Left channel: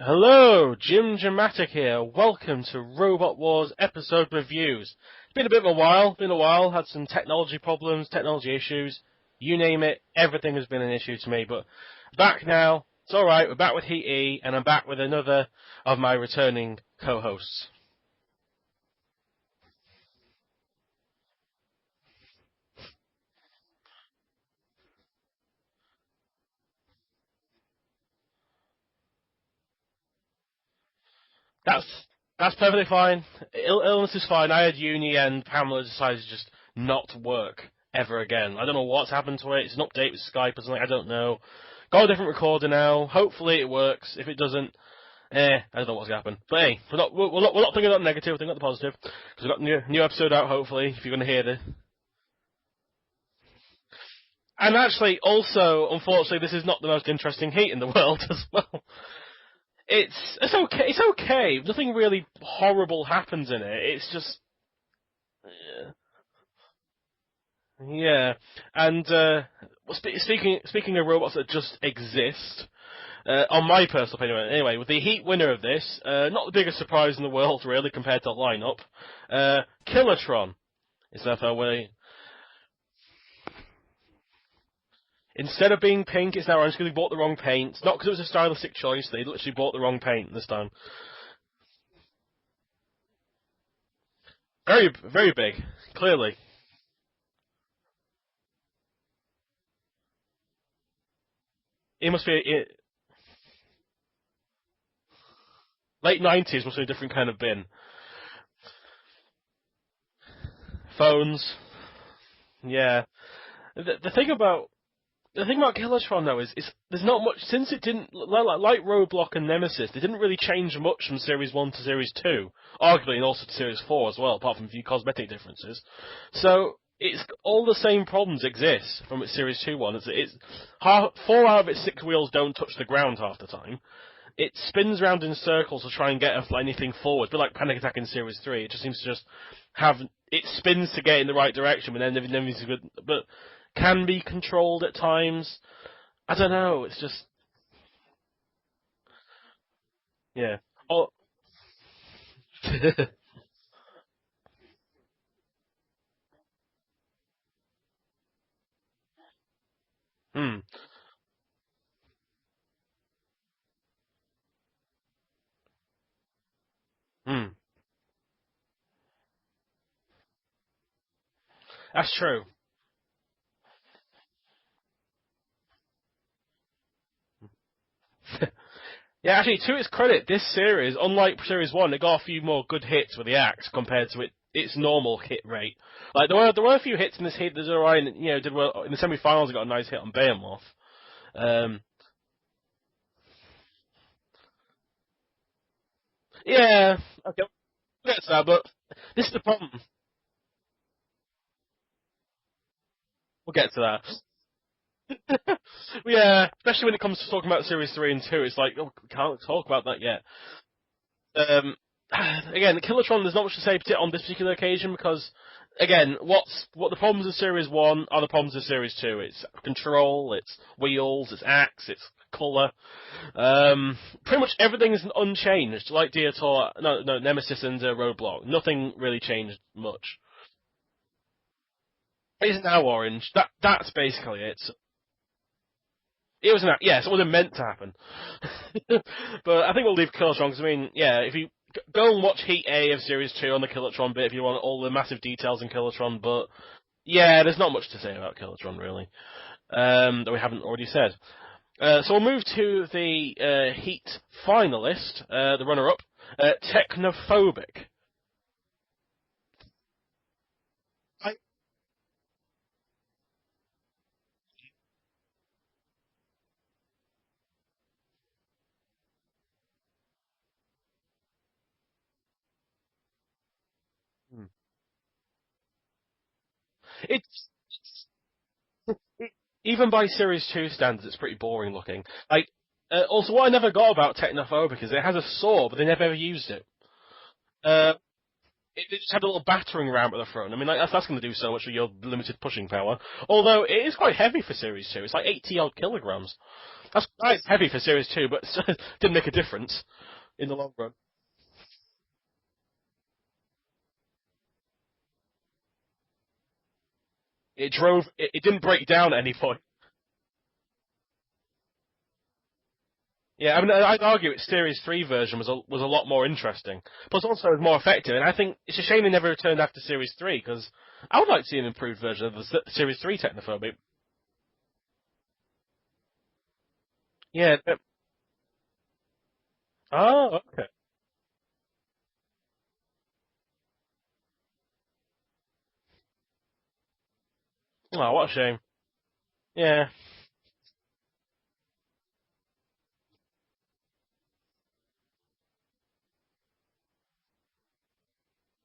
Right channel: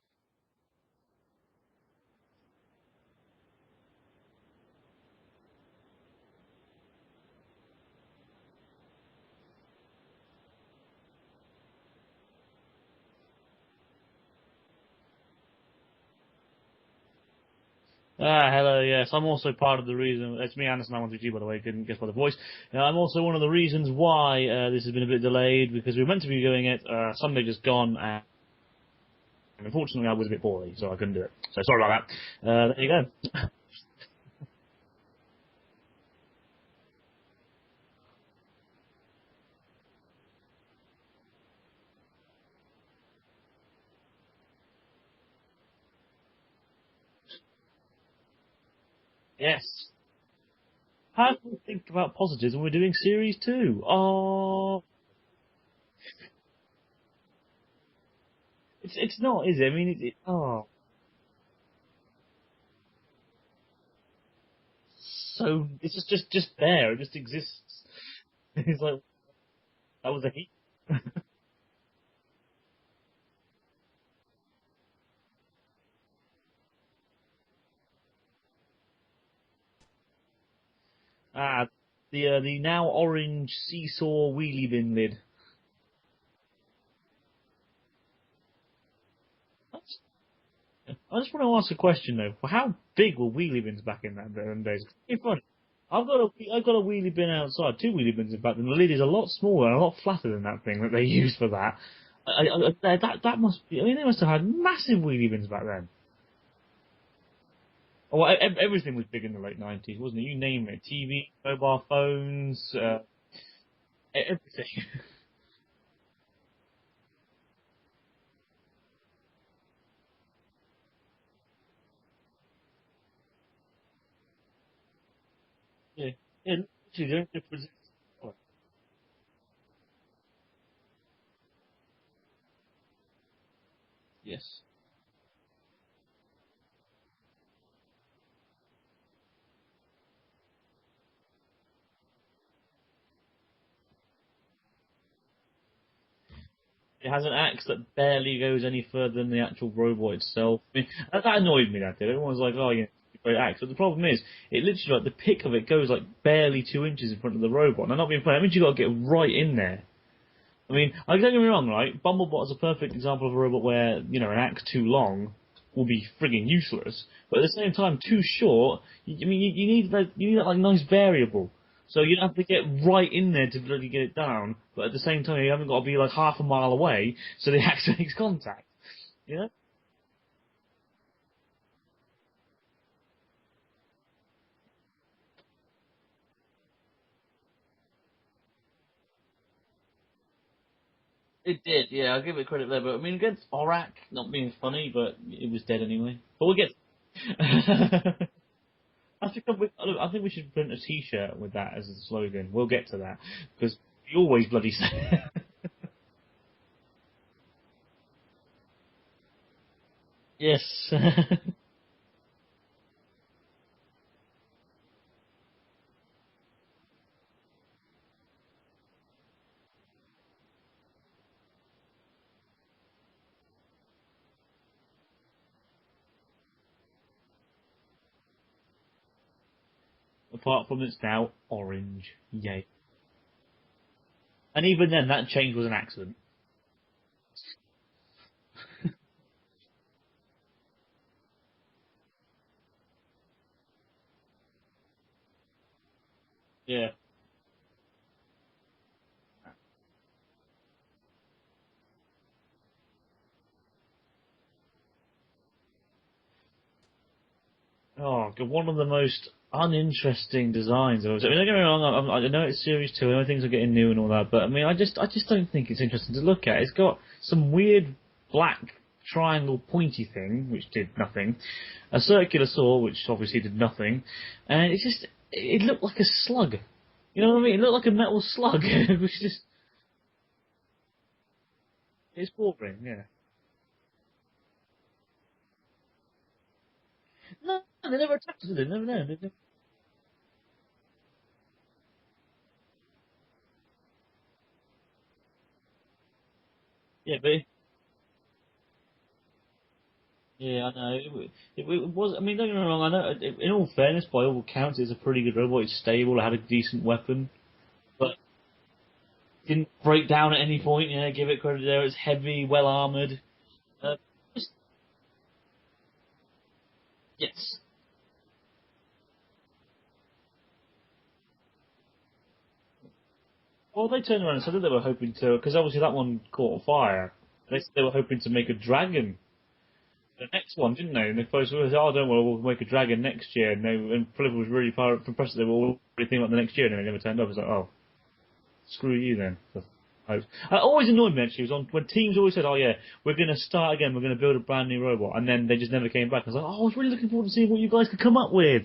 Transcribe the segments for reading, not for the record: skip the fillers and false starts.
Hello, Jimjamatic here. Welcome to Robot Wars episode reviews. It's been a bit of a while, had some technology problems, technology issues, you name it, everything has been an issue to me, but back now, it's alright, we're back with Heat E, and I'm back with another of my returning co-hosts. Hello, yes, I'm also part of the reason, it's me, Anderson, I wanted you, by the way, couldn't guess by the voice. I'm also one of the reasons why this has been a bit delayed, because we were meant to be doing it, Sunday just gone, and unfortunately I was a bit poorly, so I couldn't do it. So sorry about that. That's perfectly fine. Illness is fine. I had uni and Pamela decided to just not work ever again. I don't know what's happened to it. It's an update with Skype or something. I don't know. Got a different recorder now. Hopefully it works. If it doesn't, I don't know what's going to happen. But hey, we're not thinking about the negative, we're thinking about the positive. Yes. New episode out, hopefully, if you're going to hear this. Think about positives when we're doing Series 2. Oh. And actually, also, unfortunately, this is not the most interesting heat in the world as well. It's not, is it? I mean, it's okay. It's okay. Nothing really horrible happens in it. It's just... So, it's just there. It just exists. Yeah. And, speaking of robots that just exist... on my personal opinion, anyway, with the Heat winner of this, not the biggest surprise in the world, really, compared to the lineup, Tron. Is that the now orange seesaw wheelie bin lid. Instead of being pink, it's now orange because they bought the wrong paint. Not because it was a stylistic choice, they literally bought the wrong paint this time. I just want to ask a question, though. How big were wheelie bins back in that day? Very big, clearly. I've got a wheelie bin outside, two wheelie bins in fact, and the lid is a lot smaller and a lot flatter than that thing that they used for that. It must be... that must be... I mean, they must have had massive wheelie bins back then. Late 90s must be a different kind of bin. Well, everything was big in the late 90s, wasn't it? You name it. TV, phones. Mobile phones. Yeah. The thing about Tron, though, is there's not much... Since it didn't... Like Roadblock and Nemesis, they didn't really change much from Series 1 to Series 2. Arguably, and also to Series 4 as well, apart from a few cosmetic differences. Yeah. So, all the same problems exist from its Series 2 one. It's 4 out of its 6 wheels don't touch the ground half the time. Yes. It spins around in circles to try and get anything forward. But like Panic Attack in Series 3, it just seems to just have... It spins to get in the right direction, but then everything's good. But can be controlled at times. I don't know, it's just... It has an axe that barely goes any further than the actual robot itself. Yeah. That annoyed me, that did. Everyone's like, oh, yeah, it's a great axe. But the problem is, it literally, the pick of it goes barely 2 inches in front of the robot. Now, not being funny, that means you've got to get right in there. I mean, don't get me wrong, right? Bumblebot is a perfect example of a robot where, an axe too long will be frigging useless. But at the same time, too short, you need that nice variable. So you have to get right in there to really get it down, but at the same time, you haven't got to be half a mile away, so the axe makes contact. Yeah, actually, to its credit, this series, unlike Series 1, it got a few more good hits with the axe compared to its normal hit rate. There were a few hits in this hit that Orion, did well in the semi-finals. It got a nice hit on Behemoth. It did, yeah. I'll give it credit there. But I mean, against Aurak, not being funny, but it was dead anyway. Yeah, but this is the problem. I think we should print a T-shirt with that as a slogan. We'll get to that. We'll get to that. You always bloody say. Yeah, especially when it comes to talking about Series 3 and 2, it's like, we can't talk about that yet. Yes. Again, Tron, there's not much to say on this particular occasion because, again, what the problems of Series 1 are the problems of Series 2. It's control, it's wheels, it's axe, it's colour. Pretty much everything is unchanged, like Nemesis and Roadblock. Nothing really changed much. Apart from it's now orange. Yes. It's now orange. That's basically it. And even then, that change was an accident. It was yes, it wasn't meant to happen. But I think we'll leave Tron because, if you go and watch Heat A of Series 2 on the Tron bit if you want all the massive details in Tron, but yeah, there's not much to say about Tron really, that we haven't already said. So we'll move to the Heat finalist, the runner-up, Technophobic. Oh, one of the most uninteresting designs. Don't get me wrong, I know it's Series 2, I know things are getting new and all that, but I just don't think it's interesting to look at. It's got some weird black triangle pointy thing, which did nothing, a circular saw, which obviously did nothing, and it looked like a slug. You know what I mean? It looked like a metal slug. Even by Series 2 standards, it's pretty boring looking. It's boring, yeah. Also, what I never got about Technophobic is it has a saw, but they never ever used it. No, they never attacked it, did they? It just had a little battering ram at the front. I mean, that's going to do so much with your limited pushing power. Although, it is quite heavy for Series 2. It's like 80-odd kilograms. That's Yeah, quite heavy for Series 2, but didn't make a difference. In the long run. It was. I mean, don't get me wrong. I know. In all fairness, by all accounts, it's a pretty good robot. It's stable. It had a decent weapon. It drove. It didn't break down at any point. Didn't break down at any point. Yeah, give it credit there. It's heavy, well armored. Yeah, I mean, I'd argue its Series 3 version was a lot more interesting. Plus, also, it was more effective. And I think it's a shame they never returned after Series 3 because I would like to see an improved version of the Series 3 Technophobic. Well, they turned around and said that they were hoping to, because obviously that one caught fire. Yeah, they said they were hoping to make a dragon. Oh, the next one, didn't they? And the first was, oh, don't worry, we'll make a dragon next year. And Philip was really impressed that they were all thinking about the next year, and then they never turned up. It's like, oh, what a shame. Screw you then. Yeah. It always annoyed me actually. When teams always said, "Oh yeah, we're going to start again. We're going to build a brand new robot," and then they just never came back. I was like, "Oh, I was really looking forward to seeing what you guys could come up with."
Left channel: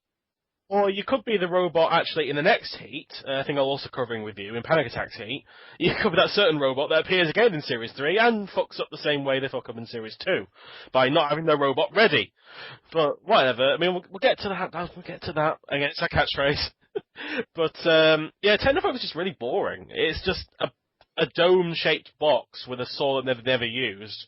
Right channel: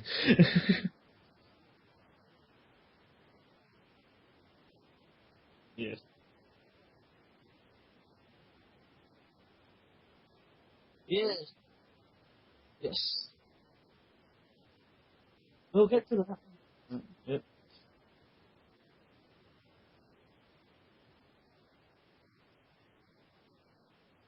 Well, you could be the robot actually in the next heat. I think I'll also covering with you in Panic Attack's heat. You could be that certain robot that appears again in Series 3 and fucks up the same way they fuck up in Series 2 by not having their robot ready. Yes. But whatever. I mean, we'll get to that. We'll get to that. Again, it's a catchphrase. But yeah, Technophobic is just really boring. It's just a dome-shaped box with a saw that they've never used.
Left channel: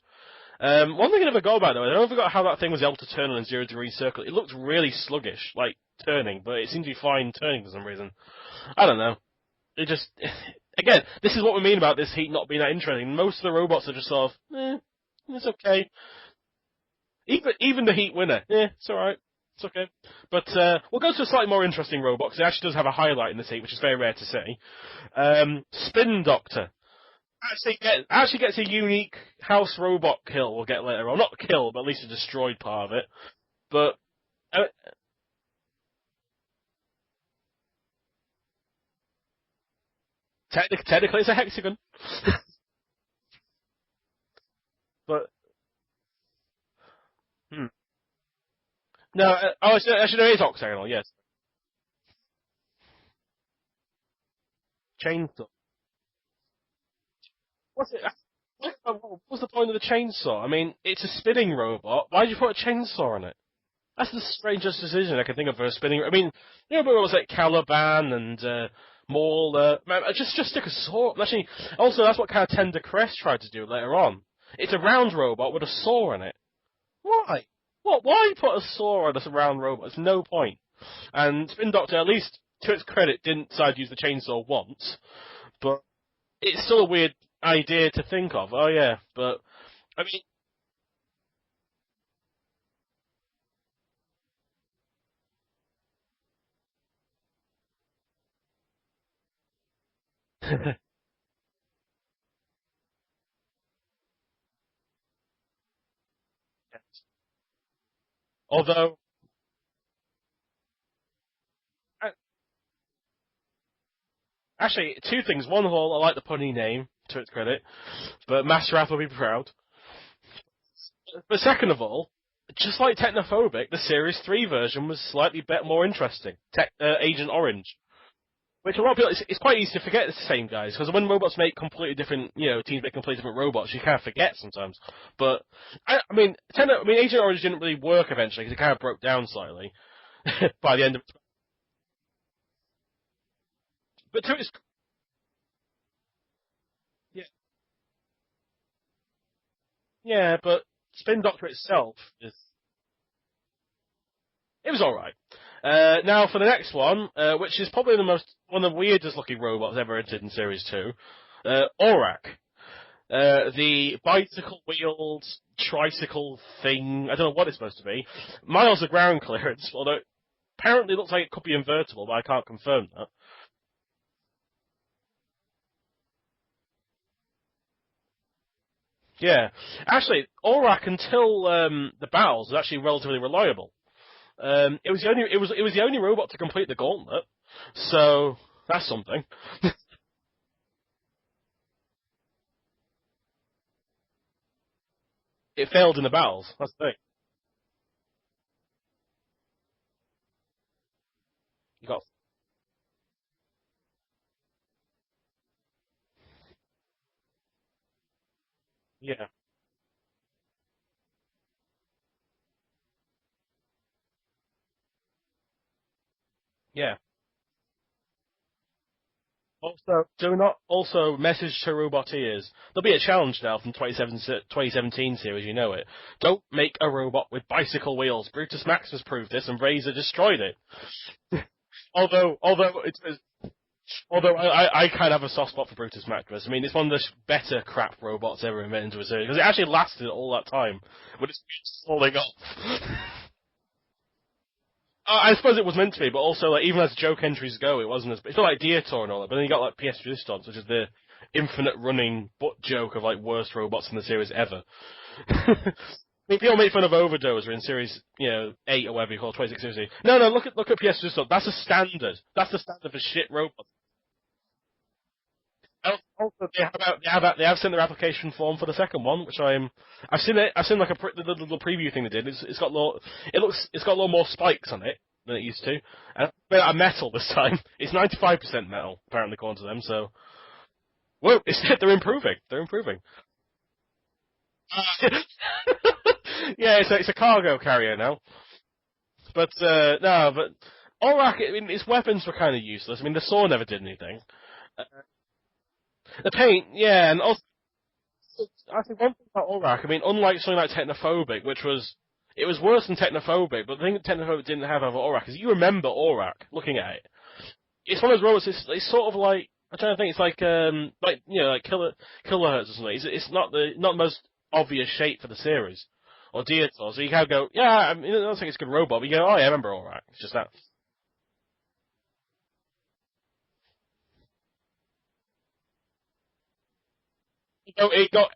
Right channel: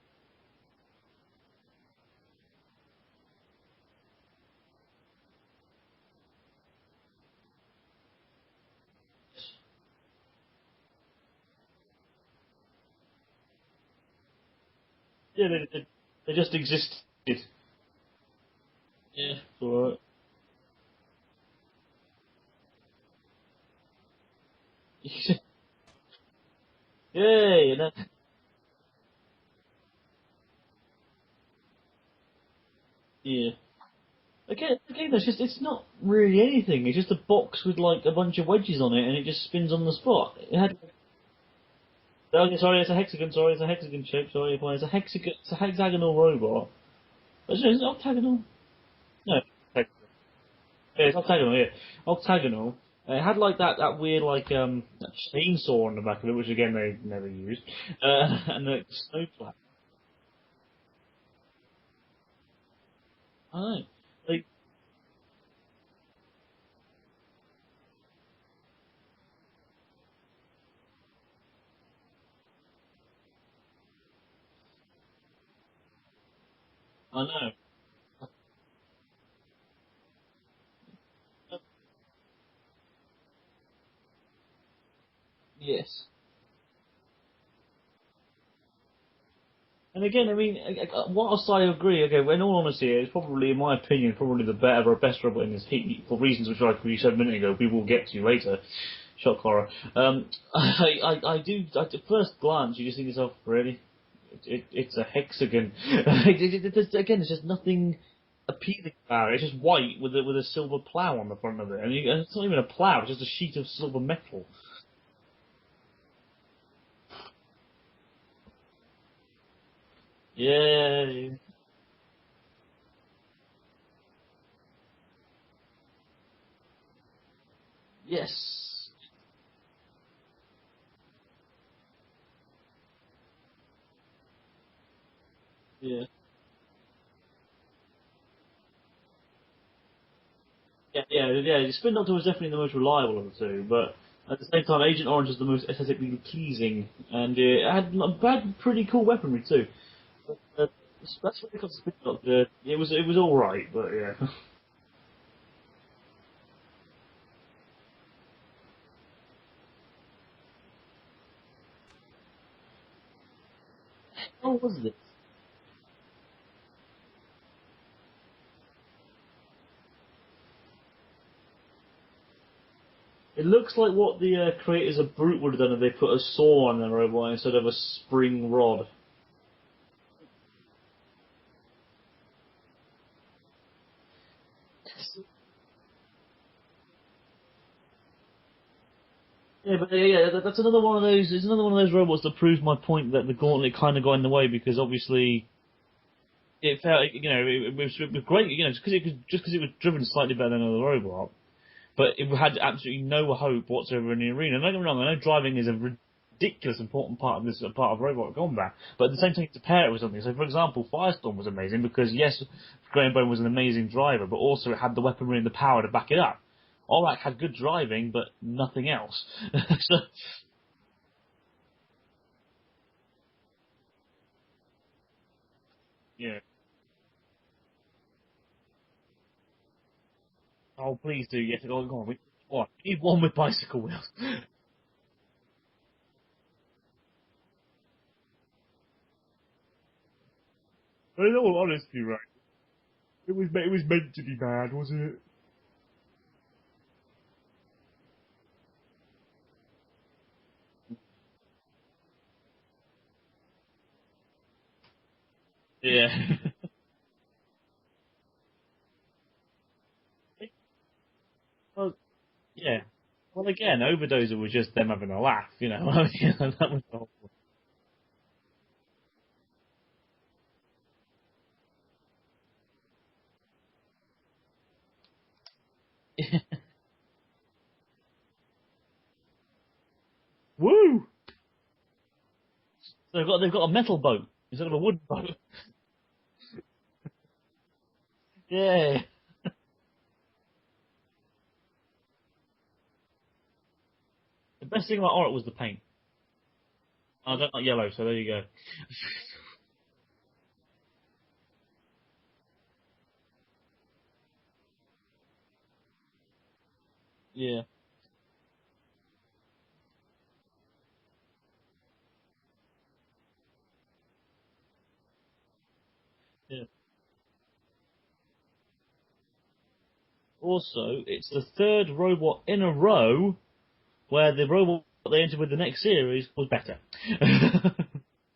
One thing I never got about though, I never forgot how that thing was able to turn on a 0-degree circle. It looked really sluggish, like turning, but it seemed to be fine turning for some reason. I don't know. It just, again, this is what we mean about this heat not being that interesting. Most of the robots are just sort of, it's okay. They just exist. Even the Heat winner, it's alright. Yeah, it's okay. Right. But we'll go to a slightly more interesting robot, because it actually does have a highlight in this Heat, which is very rare to see. Spin Doctor. Actually gets a unique house robot kill we'll get later on. Not kill, but at least a destroyed part of it. Yeah. But again, it's not really anything. It's just a box with like a bunch of wedges on it, and it just spins on the spot. Technically, it's a hexagon. Sorry, it's a hexagon. Sorry, it's a hexagon shape. Sorry, it's a hexagon. It's a hexagonal robot. Is it octagonal? No, actually, no, it's octagonal. Yeah, it's octagonal. Yeah, octagonal. It had like that weird like chainsaw on the back of it, which again they never used. What's the point of the chainsaw? I mean, it's a spinning robot. Why did you put a chainsaw on it? I know. That's the strangest decision I can think of for a spinning. I mean, you know, but it was like Caliban and Maul. Just stick a saw. Actually, also that's what kind of Tender Crest tried to do later on. It's a round robot with a saw in it. Why? Why put a saw on a round robot? There's no point. And Spin Doctor, at least to its credit, didn't decide to use the chainsaw once. But it's still a weird idea to think of. Oh yeah, but. And again, I mean, whilst I agree, okay, in all honesty, it's probably, in my opinion, probably the better or best robot in this heat for reasons which, like we said a minute ago, we will get to later. Shock horror. I do. At first glance, you just think to yourself, really. It's a hexagon. Again, it's just nothing. Although it's just white with a silver plough on the front of it, and it's not even a plough; it's just a sheet of silver metal. Actually, two things. One of all, I like the punny name, to its credit, but Master Rath will be proud. Yeah. But second of all, just like Technophobic, the Series 3 version was slightly more interesting. Agent Orange. Yes. Which a lot of people, it's quite easy to forget it's the same guys, because when robots make completely different, teams make completely different robots, you kind of forget sometimes. But, I mean, Agent Orange didn't really work eventually, because it kind of broke down slightly by the end of it. Yeah, Spin Doctor was definitely the most reliable of the two, but at the same time, Agent Orange was the most aesthetically pleasing, and it had pretty cool weaponry too. Yeah, but Spin Doctor itself... It was alright, but yeah. It was alright. Now for the next one, which is probably one of the weirdest looking robots ever entered in Series 2, Aurak. The bicycle-wheeled tricycle thing, I don't know what it's supposed to be. Miles of ground clearance, although it apparently looks like it could be invertible, but I can't confirm that. It looks like what the creators of Brute would have done if they put a saw on the robot instead of a spring rod. Yeah. Actually, Aurak, until the battles, was actually relatively reliable. It was the only robot to complete the Gauntlet, so that's something. That's another one of those. It's another one of those robots that proves my point that the Gauntlet kind of got in the way because obviously it failed in the battles. It was great, just because it was driven slightly better than another robot, but it had absolutely no hope whatsoever in the arena. Don't get me wrong, I know driving is a ridiculous important part of robot combat, but at the same time to pair it with something. So, for example, Firestorm was amazing because yes, Graham Bone was an amazing driver, but also it had the weaponry and the power to back it up. Yeah. Aurak had good driving, but nothing else. Also, do not also message to roboteers. There'll be a challenge now from 2017 series, you know it. Yeah. Don't make a robot with bicycle wheels. Brutus Maximus proved this, and Razor destroyed it. Oh, please do. Yes. Although he's one with bicycle wheels. Although I kind of have a soft spot for Brutus Maximus. I mean, it's one of the better crap robots ever invented into a series because it actually lasted all that time. Well, in all honesty, all they got. It was meant to be bad, wasn't it? I suppose it was meant to be, but also like even as joke entries go, it wasn't as. It's not like Dietor and all that. But then you got like PS Resistance, which is the infinite running butt joke of like worst robots in the series ever. Yeah. People make fun of Overdose or in series 8 or whatever you call it, 26 series. No, look at PS Resistance. That's a standard. That's the standard for shit robot. Well, again, Overdose was just them having a laugh, you know. They have sent their application form for the second one, which I've seen it. I've seen like the little preview thing they did. It's got a lot more spikes on it than it used to. Made out of metal this time. It's 95% metal, apparently, according to them. So, woo! They're improving. They're improving. They've got a metal boat instead of a wood boat. Yeah, it's a cargo carrier now. Yeah. But but Aurak, I mean, its weapons were kind of useless. I mean, the saw never did anything. The best thing about Aurak was the paint. The paint, yeah, and also not yellow, so there you go. I think one thing about Aurak, I mean, unlike something like Technophobic, it was worse than Technophobic, but the thing that Technophobic didn't have over Aurak is you remember Aurak looking at it. Yeah. It's one of those robots. It's sort of like I'm trying to think. It's like like kilohertz or something. It's not the most obvious shape for the series. Or Dietor, so you can go, yeah, I mean, I don't think it's a good robot, but you go, oh yeah, I remember Aurak. It's just that. Also, it's the third robot in a row where the robot they entered with the next series was better. No,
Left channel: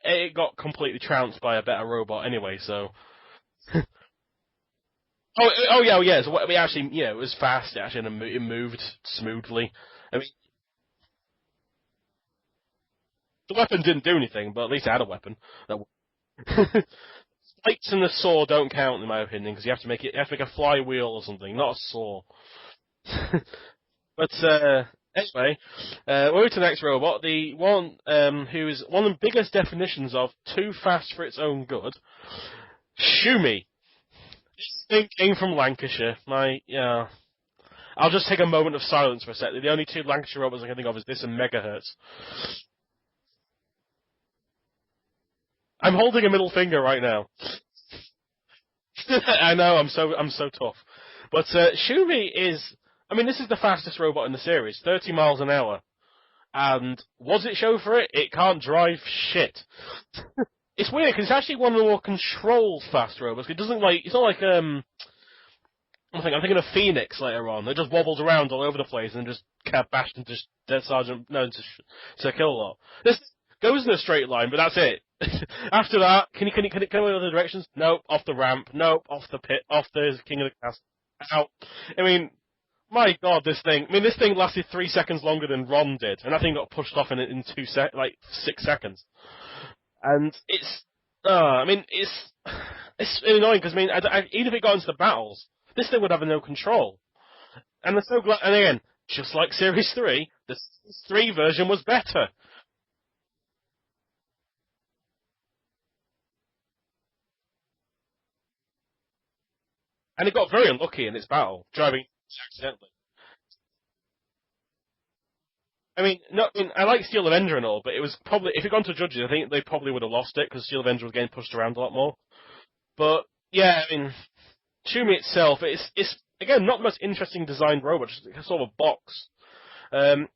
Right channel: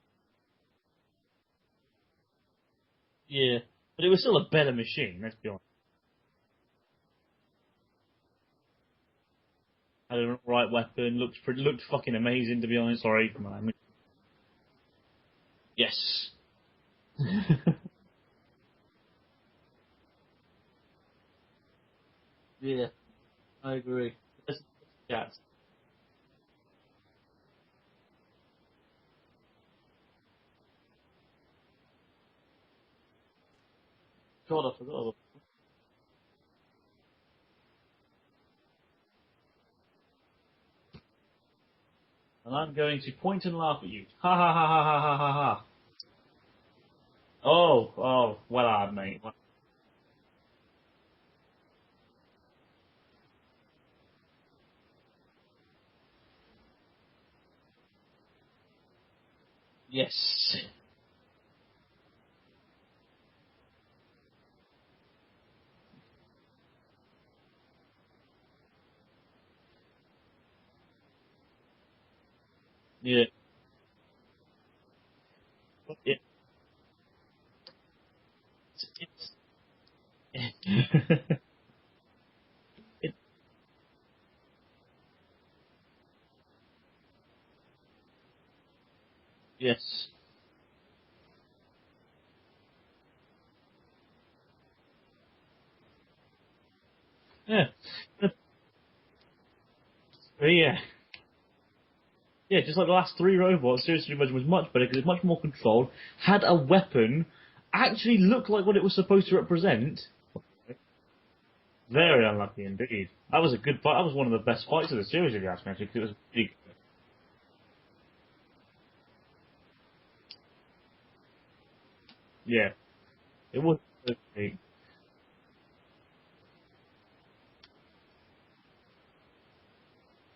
it got completely trounced by a better robot anyway, so. Yeah, but it was still a better machine. Yeah. So it was fast. It moved smoothly. Had the right weapon. Looked fucking amazing, to be honest. Sorry. The weapon didn't do anything, but at least it had a weapon. Yes. Lights and the saw don't count, in my opinion, because you have to make a flywheel or something, not a saw. Yeah, I agree. But anyway, we're to the next robot, the one who is one of the biggest definitions of too fast for its own good. Schumi. Came from Lancashire. I'll just take a moment of silence for a sec. The only two Lancashire robots I can think of is this and Megahertz. I'm going to point and laugh at you. Ha ha ha ha ha ha ha ha. I'm holding a middle finger right now. Oh, well hard, mate. I know, I'm so tough. But Schumi is, I mean, this is the fastest robot in the series, 30 miles an hour. And was it show for it? It can't drive shit. Yes. It's weird, because it's actually one of the more controlled fast robots. It doesn't it's not like, I'm thinking of Phoenix later on. It just wobbles around all over the place and just bashed into Dead Sergeant, no, to kill a lot. This goes in a straight line, but that's it. After that, can you go in other directions? No, off the ramp. No, off the pit, off the King of the Castle. Out. I mean, my God, this thing lasted 3 seconds longer than Ron did, and that thing got pushed off in 6 seconds. Yes. And it's annoying because even if it got into the battles, this thing would have no control. Yeah. And and again, just like Series 3, yeah. The 3 version was better. Yeah, just like the last 3 robots, Series 3 version was much better because it's much more controlled, had a weapon, actually looked like what it was supposed to represent. And it got very unlucky in its battle. Very unlucky indeed. That was a good fight. That was one of the best fights of the series, if you ask me. I like Steel Avenger and all, but it was probably, if it gone to judges, I think they probably would have lost it because Steel Avenger was getting pushed around a lot more. Yeah. But, yeah, I mean, Schumi itself, it's again, not the most interesting designed robot, just sort of a box.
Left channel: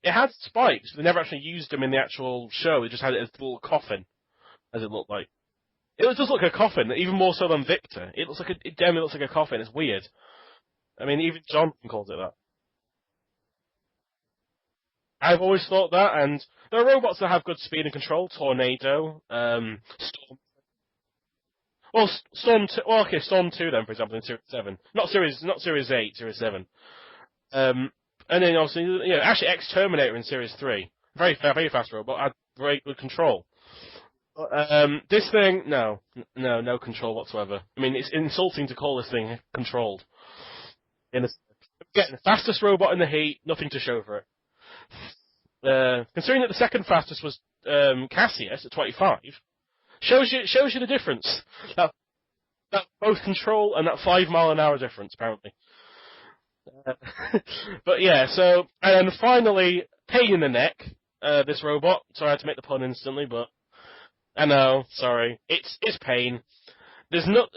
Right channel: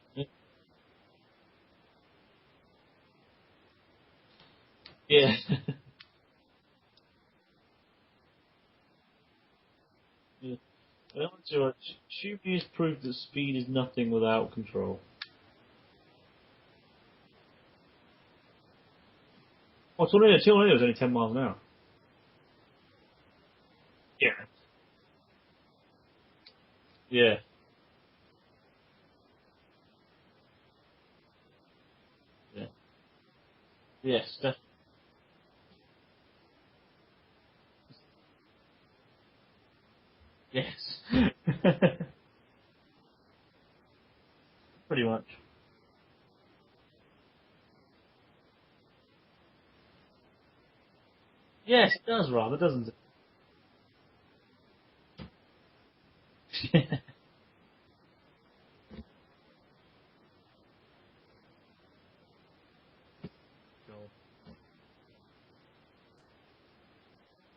It had spikes, but they never actually used them in the actual show. They just had it as a little coffin, as it looked like. Yeah. It does look like a coffin, even more so than Victor. It definitely looks like a coffin. It's weird. Yeah. I mean, even Johnson calls it that. Schumi has proved that speed is nothing without control. I've always thought that, and there are robots that have good speed and control. Tornado. Tornado's only 10 miles an hour. Well, Storm 2 then, for example, in Series 7. Not Series 8, Series 7. Yeah. And then obviously, actually X-Terminator in Series 3. Very fast robot, had very good control. Yes. This thing, no control whatsoever. I mean, it's insulting to call this thing controlled. Yes. The fastest robot in the heat, nothing to show for it. Pretty much. Considering that the second fastest was Cassius at 25, shows you the difference. Yes, it does, Rob. It doesn't. Both control and that 5 mile an hour difference, apparently. But yeah, so, and then finally, pain in the neck, this robot. Sorry, I had to make the pun instantly, but I know, sorry. It's pain. There's not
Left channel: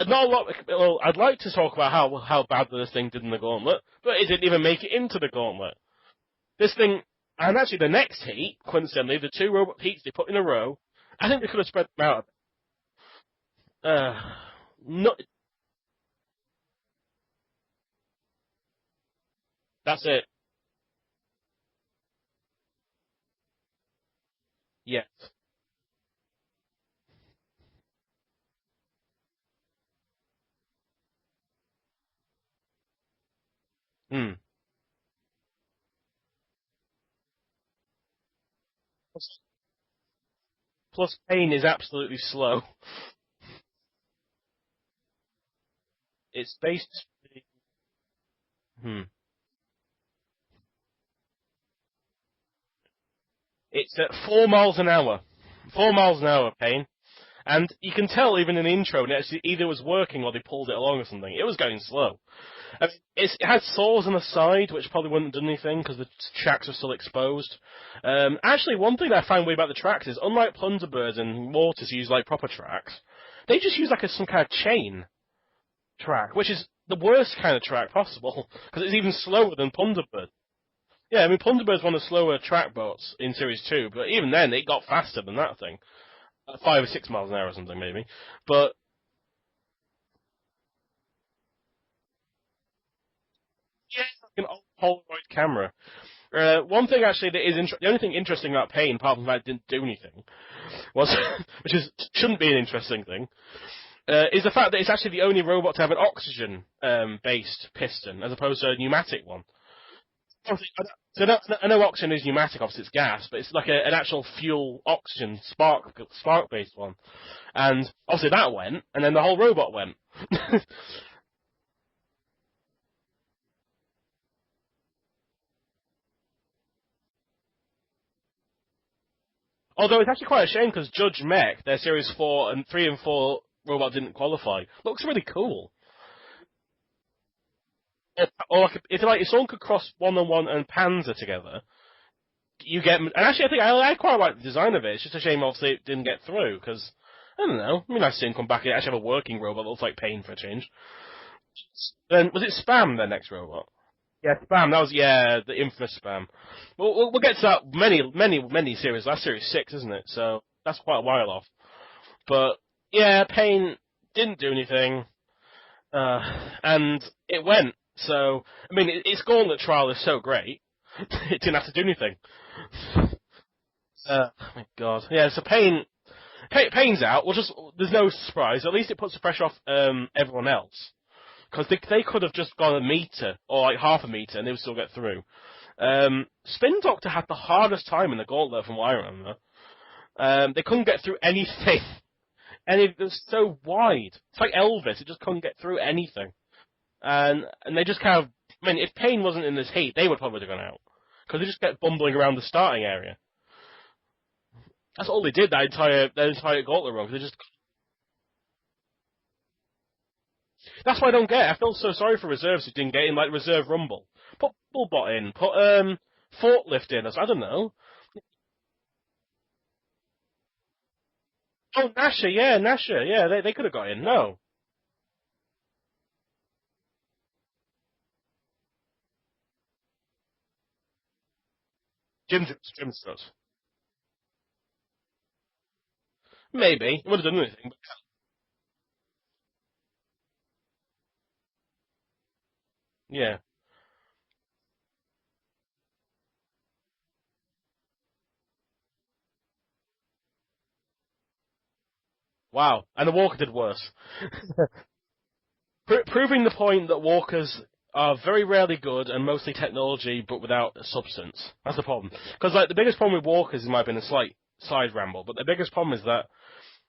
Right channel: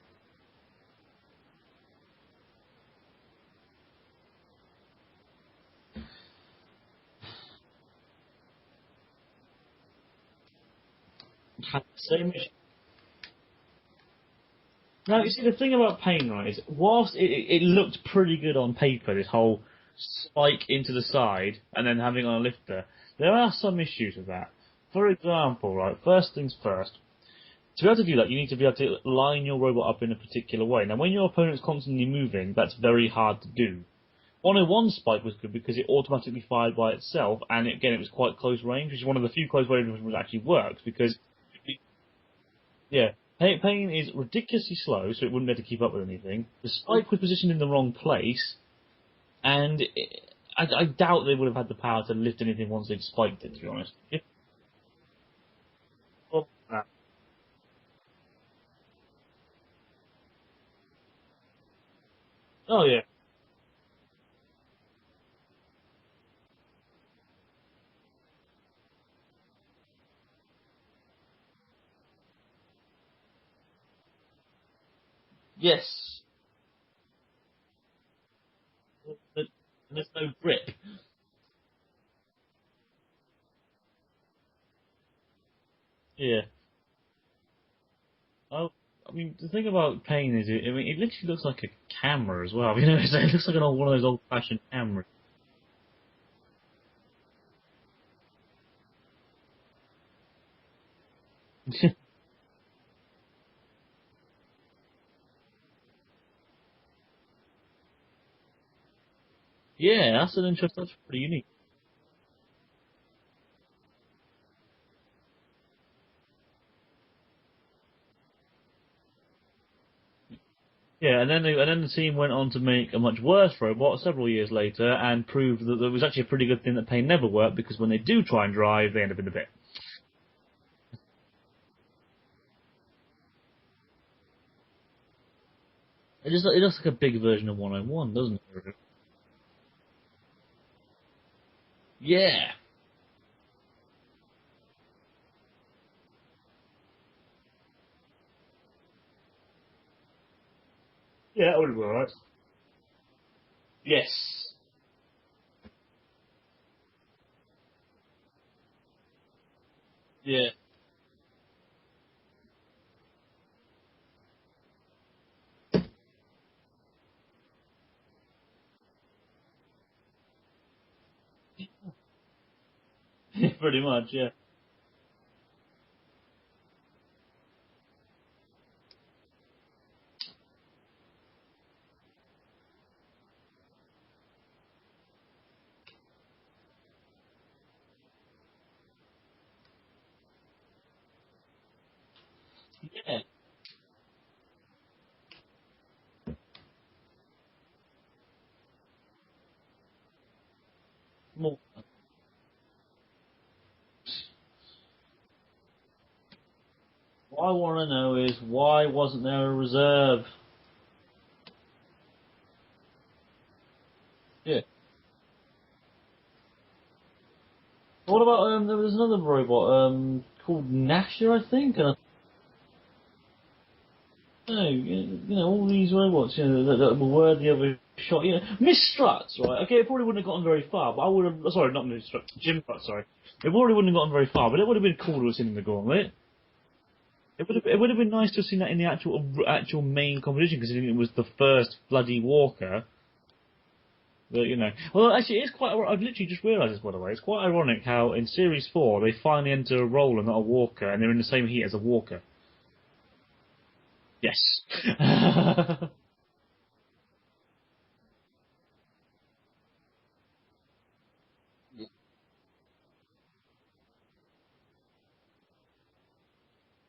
a lot, well, I'd like to talk about how bad this thing did in the Gauntlet, but it didn't even make it into the Gauntlet. This thing, and actually the next heat, coincidentally, the 2 robot heats they put in a row, I think they could have spread them out. No, you see, the thing about pain, right, is whilst it looked pretty good on paper, this whole spike into the side and then having on a lifter, there are some issues with that. Yeah. For example, right, first things first, to be able to do that, you need to be able to line your robot up in a particular way. Now, when your opponent's constantly moving, that's very hard to do. 101 spike was good because it automatically fired by itself, and again, it was quite close range, which is one of the few close range which actually works. Because pain is absolutely slow. Yeah. Pain is ridiculously slow, so it wouldn't be able to keep up with anything. The spike was positioned in the wrong place, and I doubt they would have had the power to lift anything once they'd spiked it, to be honest. It's at 4 miles an hour. 4 miles an hour, pain. And you can tell even in the intro, it actually either was working or they pulled it along or something. It was going slow. Oh, yeah. It had saws on the side, which probably wouldn't have done anything because the tracks are still exposed. Actually, one thing that I find weird about the tracks is, unlike Plunderbirds and Mortars use like proper tracks, they just use like some kind of chain track, which is the worst kind of track possible, because it's even slower than Plunderbird. Grip. Yeah, I mean, Plunderbird's one of the slower track boats in Series 2, but even then, it got faster than that thing. Yeah. 5 or 6 miles an hour or something, maybe. But I mean, the thing about Pain is, it literally looks like a camera as well. You know, it looks like one of those old-fashioned cameras. Camera. One thing actually that is the only thing interesting about Pain, apart from the fact it didn't do anything, was which shouldn't be an interesting thing, is the fact that it's actually the only robot to have an oxygen based piston as opposed to a pneumatic one. Yeah, that's an interesting. I know oxygen is pneumatic, obviously it's gas, but it's like an actual fuel oxygen spark based one. And obviously that went, and then the whole robot went. Yeah, and then the team went on to make a much worse robot several years later, and proved that it was actually a pretty good thing that Pain never worked, because when they do try and drive, they end up in the pit. Although it's actually quite a shame, because Judge Mech, their Series 3 and 4 robot didn't qualify. Looks really cool. It looks like a big version of 101, doesn't it? Or if someone could cross 101 and Panzer together. Yeah. You get, and actually I think I quite like the design of it. It's just a shame obviously it didn't get through, because I don't know. I mean, I've seen him come back and actually have a working robot that looks like Pain for a change. Yeah, that would be alright. Then was it Spam, their next robot? Yes. Yeah, Spam. That was the infamous Spam. We'll get to that many series. That's Series 6, isn't it? So that's quite a while off. But yeah, Pain didn't do anything, and it went. So I mean, its Gauntlet trial is so great, it didn't have to do anything. Pretty much. Oh my God. Yeah. So Pain's out. There's no surprise. At least it puts the pressure off everyone else, because they could have just gone a meter or like half a meter and they would still get through. Spin Doctor had the hardest time in the Gauntlet, from what I remember. They couldn't get through anything, and it was so wide. It's like Elvis; it just couldn't get through anything, and they just kind of. I mean, if Pain wasn't in this heat, they would probably have gone out, because they just kept bumbling around the starting area. That's all they did that entire Gauntlet run. They just. What I want to know is, why wasn't there a reserve? That's what I don't get. I feel so sorry for reserves who didn't get in, like Reserve Rumble. Put Fullbot in. Put Forklift in. I don't know. What about there was another robot called Nasher, I think. Oh, Nasher, yeah. They could have got in. No. No, you know, all these robots, that were worthy of a shot. You know, Miss Struts, right? Okay, it probably wouldn't have gotten very far, but I would have. Sorry, not Miss Struts. Jim Struts. It probably wouldn't have gotten very far, but it would have been cool to have seen in the Gauntlet. Maybe. It would have done it. It would have been nice to have seen that in the actual main competition, considering it was the first bloody Walker. Yeah. But, well, actually, it's quite. I've literally just realised this, by the way. It's quite ironic how in Series 4 they finally enter a roller, not a Walker, and they're in the same heat as a Walker. Wow, and the Walker did worse. Yes. Proving the point that Walkers are very rarely good and mostly technology, but without substance. That's the problem. Because the biggest problem with Walkers, it might have been a slight side ramble, but the biggest problem is that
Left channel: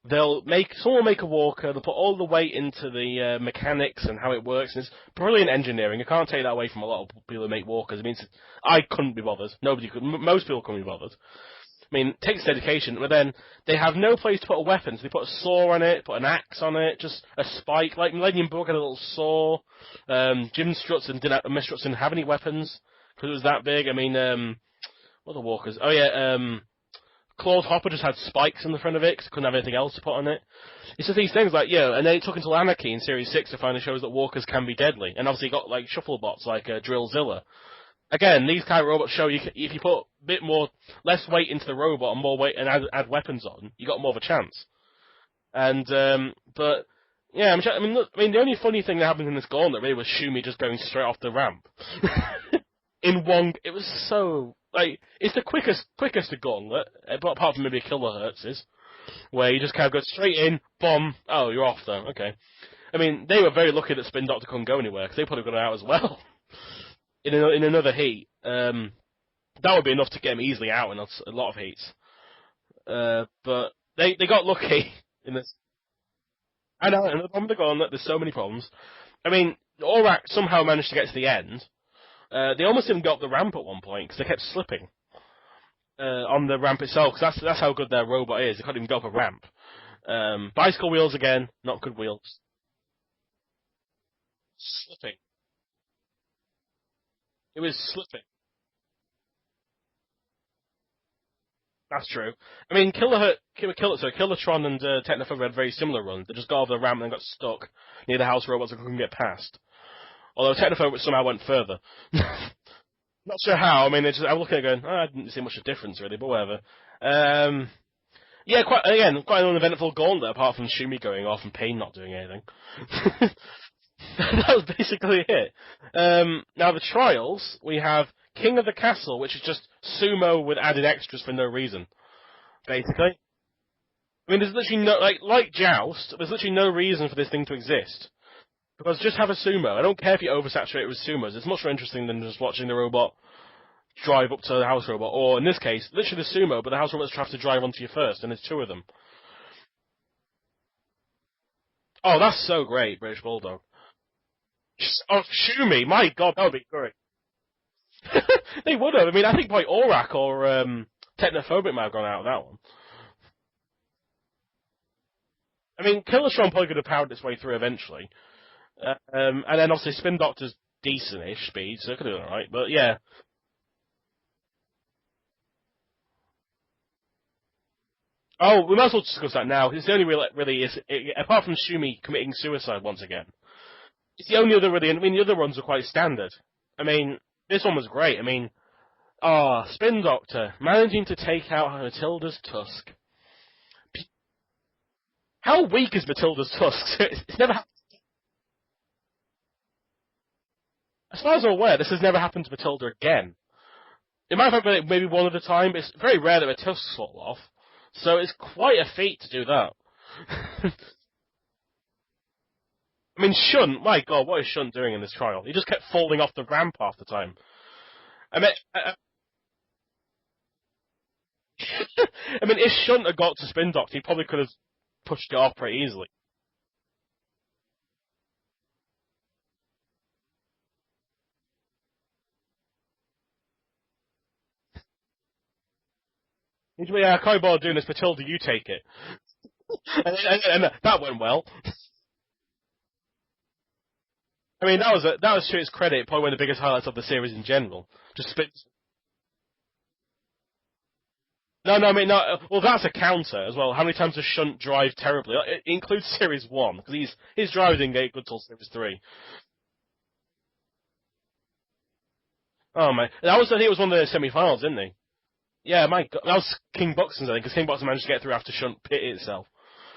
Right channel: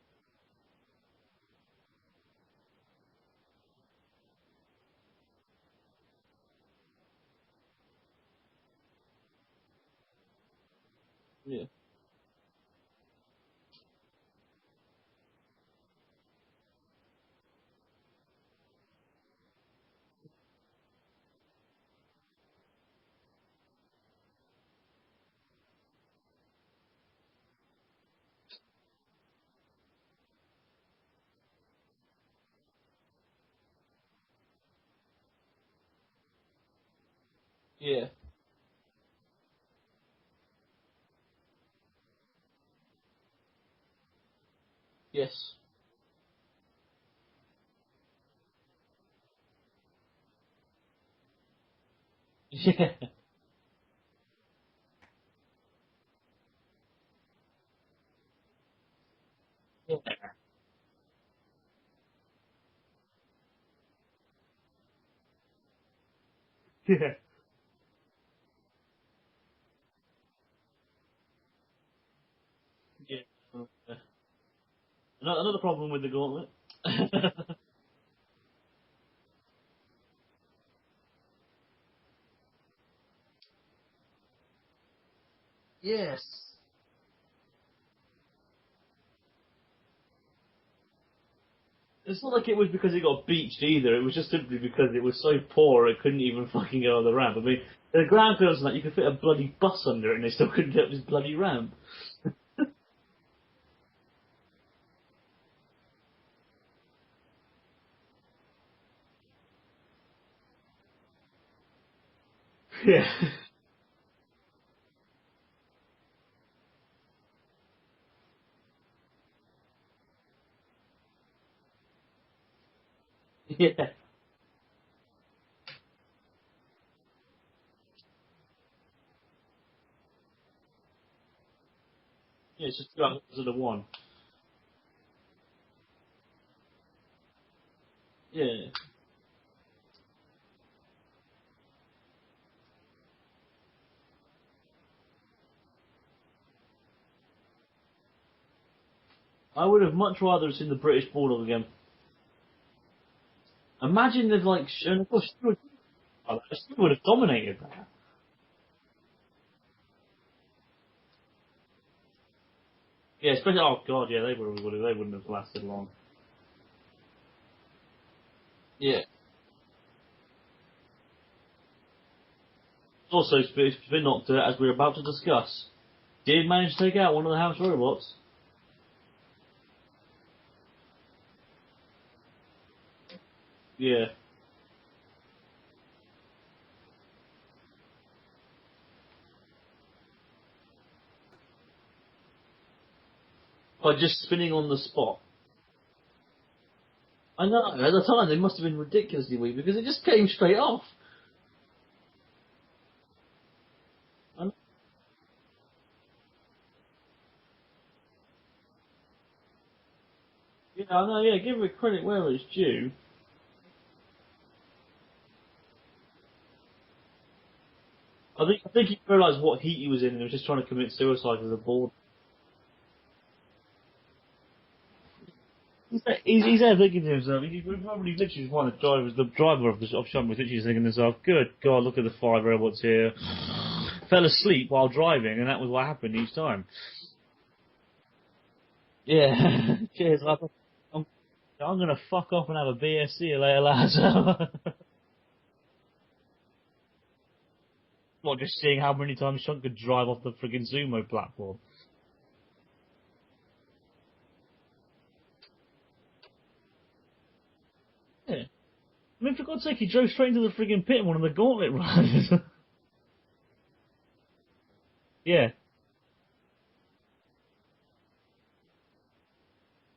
someone will make a Walker, they'll put all the weight into the mechanics and how it works, and it's brilliant engineering. I can't take that away from a lot of people who make Walkers. It means I couldn't be bothered. Nobody could. Most people couldn't be bothered. Yes. I mean, it takes dedication, but then they have no place to put a weapon, so they put a saw on it, put an axe on it, just a spike, like Millennium Bug had a little saw. Jim Strutson didn't have any weapons, because it was that big. I mean, what are the walkers? Oh yeah, Claude Hopper just had spikes in the front of it, because couldn't have anything else to put on it. It's just these things like, and then it took until Anarchy in Series 6 to finally show that walkers can be deadly, and obviously you got like shuffle bots like Drillzilla. Yeah. Again, these kind of robots show if you put a bit less weight into the robot and more weight and add weapons on, you got more of a chance. Yes. And but yeah, I mean, the only funny thing that happened in this Gauntlet really was Schumi just going straight off the ramp. Yeah. It was so like it's the quickest Gauntlet, but apart from maybe Kilohertz's, where you just kind of go straight in, bomb. Oh, you're off though. Okay. I mean, they were very lucky that Spin Doctor couldn't go anywhere because they probably got out as well. Yeah. In another heat, that would be enough to get him easily out in a lot of heats. But they got lucky. Another problem with the Gauntlet. I know, the problem with the Gauntlet, there's so many problems. I mean, Aurak somehow managed to get to the end. They almost didn't go up the ramp at one point because they kept slipping on the ramp itself. Because that's how good their robot is. They couldn't even go up a ramp. Bicycle wheels again, not good wheels. It's not like it was because it got beached either. It was just simply because it was so poor it couldn't even fucking go on the ramp. I mean, the ground clearance and that, you could fit a bloody bus under it and they still couldn't get up this bloody ramp. That's true. I mean, Killertron and Technophobic had very similar runs. They just got over the ramp and then got stuck near the house robots and couldn't get past. Although Technophobic somehow went further. Yeah. Not sure how. I mean, I'm looking at it going, I didn't see much of a difference really, but whatever. Yeah, quite an uneventful Gauntlet, apart from Schumi going off and Payne not doing anything. Yeah. That was basically it. Now, the trials, we have King of the Castle, which is just sumo with added extras for no reason. Yeah, basically. The one. I mean, there's literally no, like Joust, there's literally no reason for this thing to exist. Yeah. Because just have a sumo. I don't care if you oversaturate it with sumos. It's much more interesting than just watching the robot drive up to the house robot, or in this case, literally the sumo, but the house robots have to drive onto you first, and there's two of them. I would have much rather seen the British Bulldog again. Oh, that's so great, British Bulldog. Imagine if, like... Schumi, my god, that would be great. would have dominated that. They would have. I mean, I think probably Aurak or Technophobic might have gone out of that one. Yeah, especially... Oh, god, yeah, they wouldn't have lasted long. I mean, Killertron probably could have powered its way through eventually. Yeah. And then, obviously, Spin Doctor's decent-ish speed, so it could have done alright, but yeah. Also, Spin Doctor, as we're about to discuss, did manage to take out one of the house robots. Oh, we might as well discuss that now. It's the only apart from Schumi committing suicide once again. Yeah. It's the only other really. I mean, the other ones are quite standard. I mean, this one was great. I mean, Spin Doctor managing to take out Matilda's tusk By just spinning on the spot. How weak is Matilda's tusks? At the time, they must have been ridiculously weak because it just came straight off. As far as I'm aware, this has never happened to Matilda again. It might have happened maybe one at a time, but it's very rare that her tusks fall off. So it's quite a feat to do that. I know, yeah, give it credit where it's due. I mean, Shunt, my god, what is Shunt doing in this trial? He just kept falling off the ramp half the time. I think he realised what heat he was in and he was just trying to commit suicide with a ball. I mean, if Shunt had got to Spin Doctor, he probably could have pushed it off pretty easily. He's there thinking to himself, he probably literally one of the driver of Shunt was literally thinking to himself, good God, look at the 5 robots here. Fell asleep while driving, and that was what happened each time. I can't bother doing this, Matilda, you take it. Yeah. and that went well. I'm going to fuck off and have a BSC later, lads. I mean, that was to its credit, probably one of the biggest highlights of the series in general. Just seeing how many times Shunt could drive off the friggin' sumo platform. No, I mean, well, that's a counter as well. How many times does Shunt drive terribly? It includes Series 1, because his driving didn't get good till Series 3. I mean, for God's sake, he drove straight into the friggin' pit in one of the Gauntlet runs. Oh, man. I think it was one of the semi-finals, didn't he? Yeah. Yeah, my God. That was King Buxton's, I think, because King Buxton managed to get through after Shunt pit itself.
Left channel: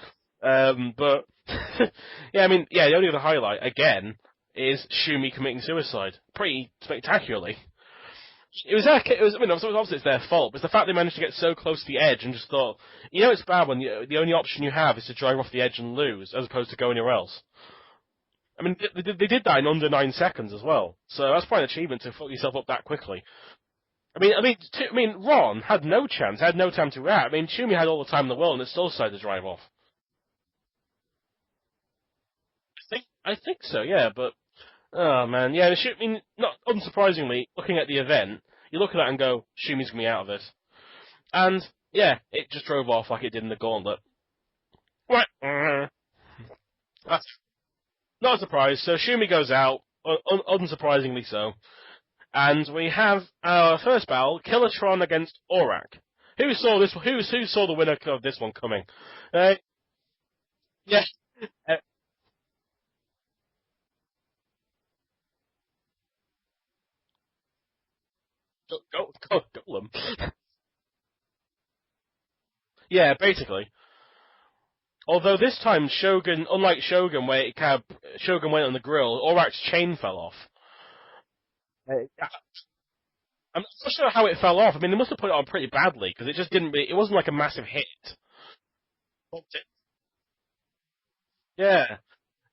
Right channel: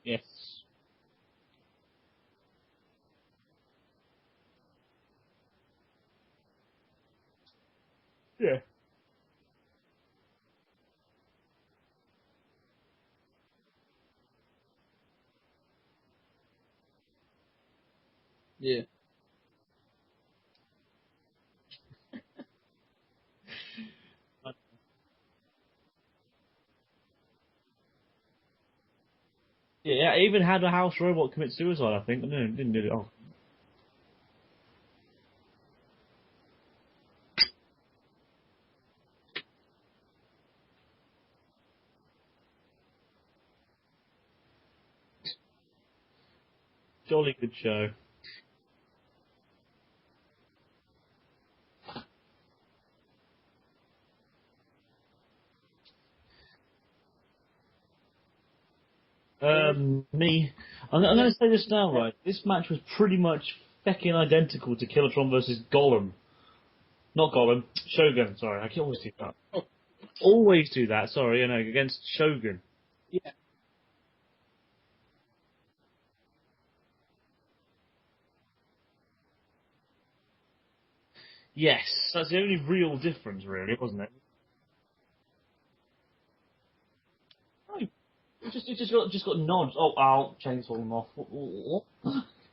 Yes. But, yeah, I mean, yeah, the only other highlight, again, is Schumi committing suicide. Pretty spectacularly. Yeah. Obviously it's their fault, but it's the fact they managed to get so close to the edge and just thought, it's bad when the only option you have is to drive off the edge and lose, as opposed to go anywhere else. I mean, they did that in under 9 seconds as well, so that's quite an achievement to fuck yourself up that quickly. I mean, Ron had no chance, had no time to react. I mean, Schumi had all the time in the world and it still decided to drive off. Yeah, even had a house robot commit suicide, I think. No, didn't do it. I think so, yeah, but... Oh, man, yeah, not unsurprisingly, looking at the event, you look at that and go, Schumi's going to be out of this. And Yeah, it just drove off like it did in the Gauntlet. What? Totally good show. Not a surprise. So Schumi goes out, unsurprisingly so. And we have our first battle, Killatron against Aurak. Who saw this? Who saw the winner of this one coming? Me. Yeah. I'm going to say this now, right? This match was pretty much fecking identical to Killatron versus Golem. Not Golem, Shogun. Sorry, I should always do that. Golem. Always do that. Sorry, against Shogun. Yeah, basically. Although this time Shogun, unlike Shogun, where Shogun went on the grill, Aurak's chain fell off. Yes, that's the only real difference, really. I'm not sure how it fell off. I mean, they must have put it on pretty badly because it just didn't. It wasn't like a massive hit. It just got nods. Oh, ow, chain's falling off. Yeah.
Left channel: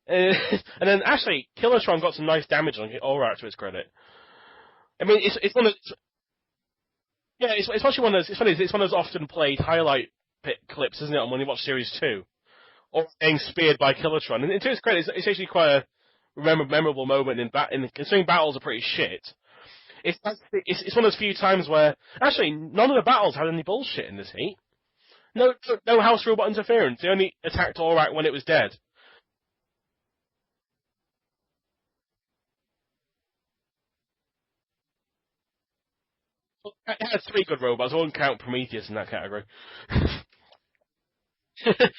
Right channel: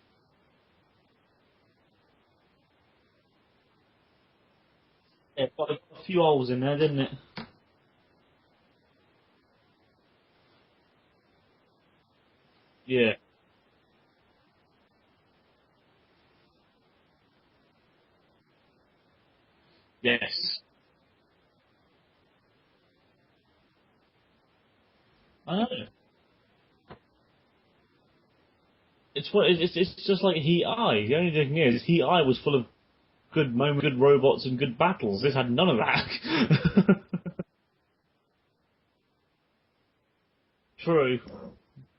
And then actually, Killatron got some nice damage on Aurak to its credit. I mean, it's one of a few holes in there, didn't it? Yeah, it's actually one of those. It's funny. It's one of those often played highlight clips, isn't it? When you watch Series 2. Yeah. Getting speared by Killatron, and to its credit, it's actually quite a memorable moment considering battles are pretty shit. Yes. It's one of those few times where actually none of the battles had any bullshit in this heat. No house robot interference. They only attacked Aurak when it was dead. It's just like Heat Eye. The only thing is, Heat Eye was full of good moments, good robots, and good battles. This had none of that. It had 3 good robots. I wouldn't count Prometheus in that category. True.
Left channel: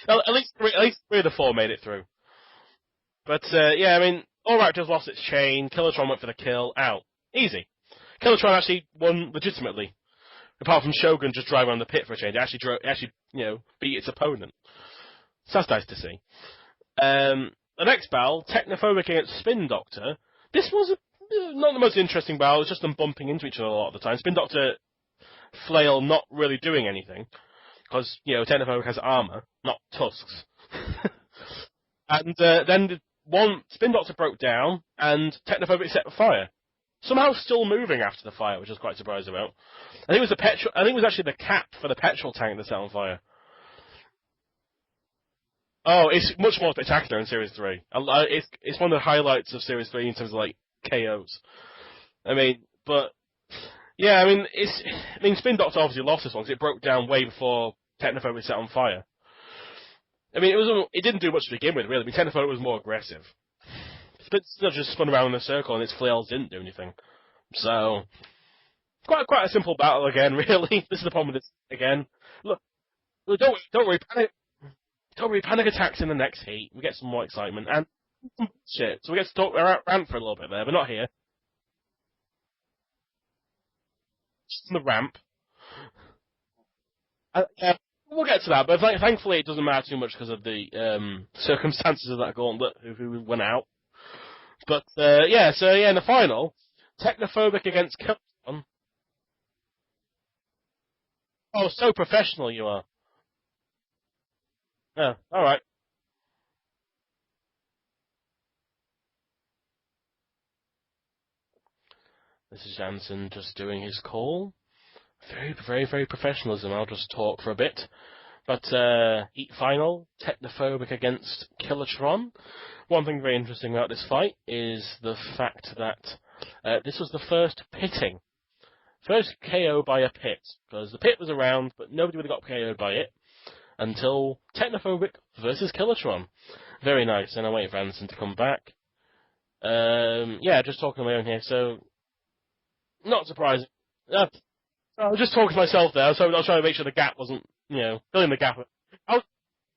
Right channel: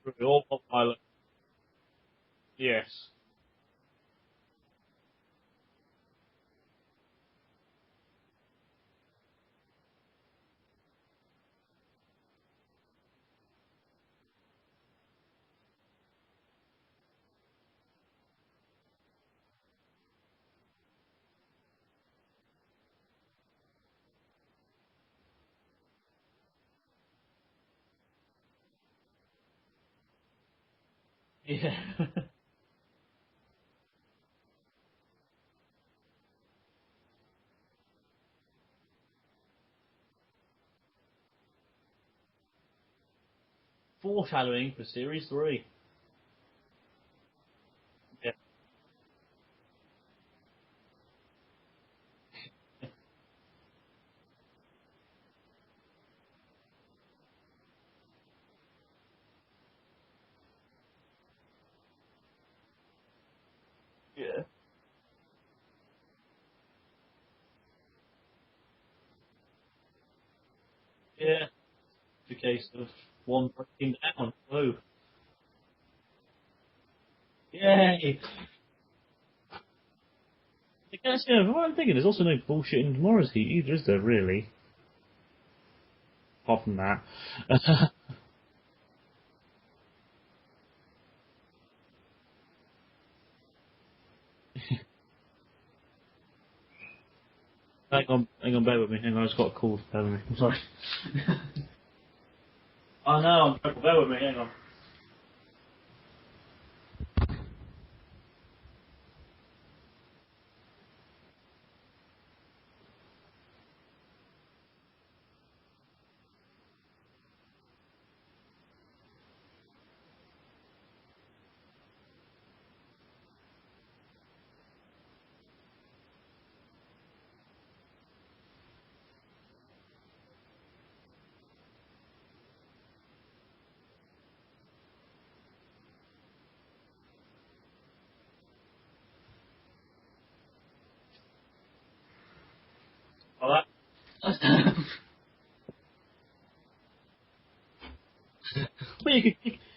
Well, at least 3 of the 4 made it through. Yes. But yeah, I mean, Aurak just lost its chain. Killatron went for the kill. Out. Easy. Killatron actually won legitimately. Apart from Shogun just driving on the pit for a change, it actually beat its opponent. So that's nice to see. The next battle, Technophobic against Spin Doctor. This was not the most interesting battle. It was just them bumping into each other a lot of the time. Spin Doctor flail not really doing anything because Technophobic has armor, not tusks. Yeah. And then Spin Doctor broke down, and Technophobic set fire. Somehow still moving after the fire, which I was quite surprised about. I think it was actually the cap for the petrol tank that set on fire. Foreshadowing for Series 3. Oh, it's much more spectacular in Series 3. It's one of the highlights of Series 3 in terms of like KOs. I mean, but yeah, I mean, Spin Doctor obviously lost this one because it broke down way before Technophobic set on fire. I mean, it didn't do much to begin with, really. I mean, Technophobic was more aggressive. Yeah. But still just spun around in a circle, and its flails didn't do anything. So, quite a simple battle again, really. This is the problem with this again. The case of don't worry, panic attacks in the next heat. We get some more excitement. Yay. Shit. So we get to talk rant for a little bit there, but not here. Yes, yeah, what I'm thinking, there's also no bullshit in tomorrow's heat either, is there, really? Just on the ramp. Apart from that. We'll get to that, but thankfully it doesn't matter too much because of the circumstances of that gauntlet, who went out. But, in the final, Technophobic against... Hang on, bear with me. Hang on, I just got a call. Bear with me. I'm sorry. Oh, so professional you are. I know, bear with me. Hang on. Oh, alright. This is Jansen just doing his call. Very, very, very professionalism. I'll just talk for a bit. But, heat final, Technophobic against Killatron. One thing very interesting about this fight is the fact that this was the first pitting. First KO by a pit. Because the pit was around, but nobody would have got KO'd by it until Technophobic versus Killatron. Very nice, and I'm waiting for Anderson to come back. Just talking on my own here, so... Not surprising. I was just talking to myself there, so I was trying to make sure the gap wasn't, filling the gap.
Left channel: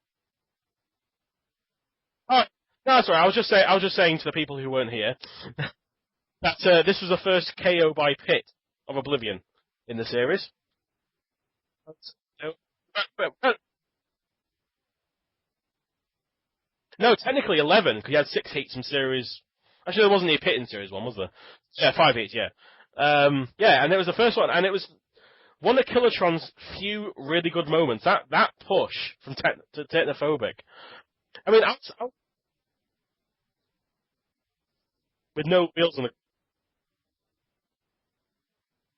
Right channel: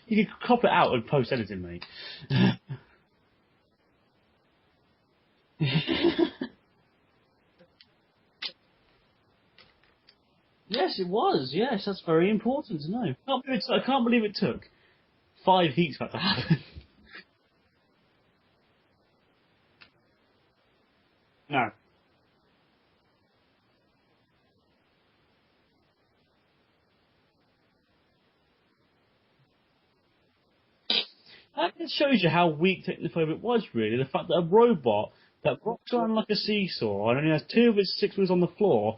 You could crop it out and post-editing, mate. Oh, no, that's all right. I was just saying to the people who weren't here that this was the first KO by pit of Oblivion in the series. Yes, it was. Yes, that's very important to know. I can't believe it took 5 heats for that to happen. No, technically 11, because you had 6 heats from series... Actually, there wasn't any pit in series 1, was there? No. Yeah, 5 heats, yeah. And it was the first one, and it was one of Killatron's few really good moments. That push from Technophobic. I mean, that just shows you how weak Technophobic was, really. The fact that a robot with no wheels on like a seesaw and only has 2 of its 6 wheels on the floor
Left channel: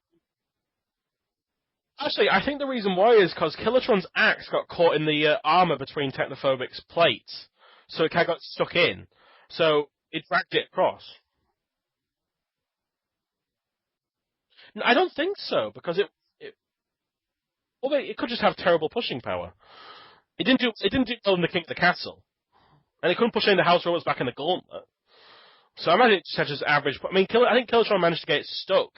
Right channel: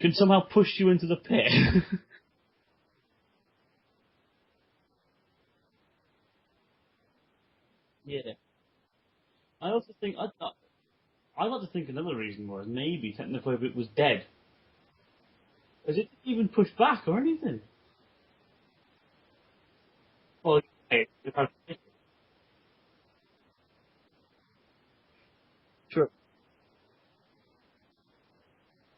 can somehow push you into the pit. Actually, I think the reason why is because Killatron's axe got caught in the armor between Technophobic's plates, so it kind of got stuck in. So it dragged it across. I like to think another reason was maybe Technophobic was dead. I don't think so, because it even push back or anything. Well, it could just have terrible pushing power. It Well, didn't do well in the King of the Castle, and it couldn't push any of the house robots back in the Gauntlet. So I imagine it's just average. I mean, I think Killatron managed to get it stuck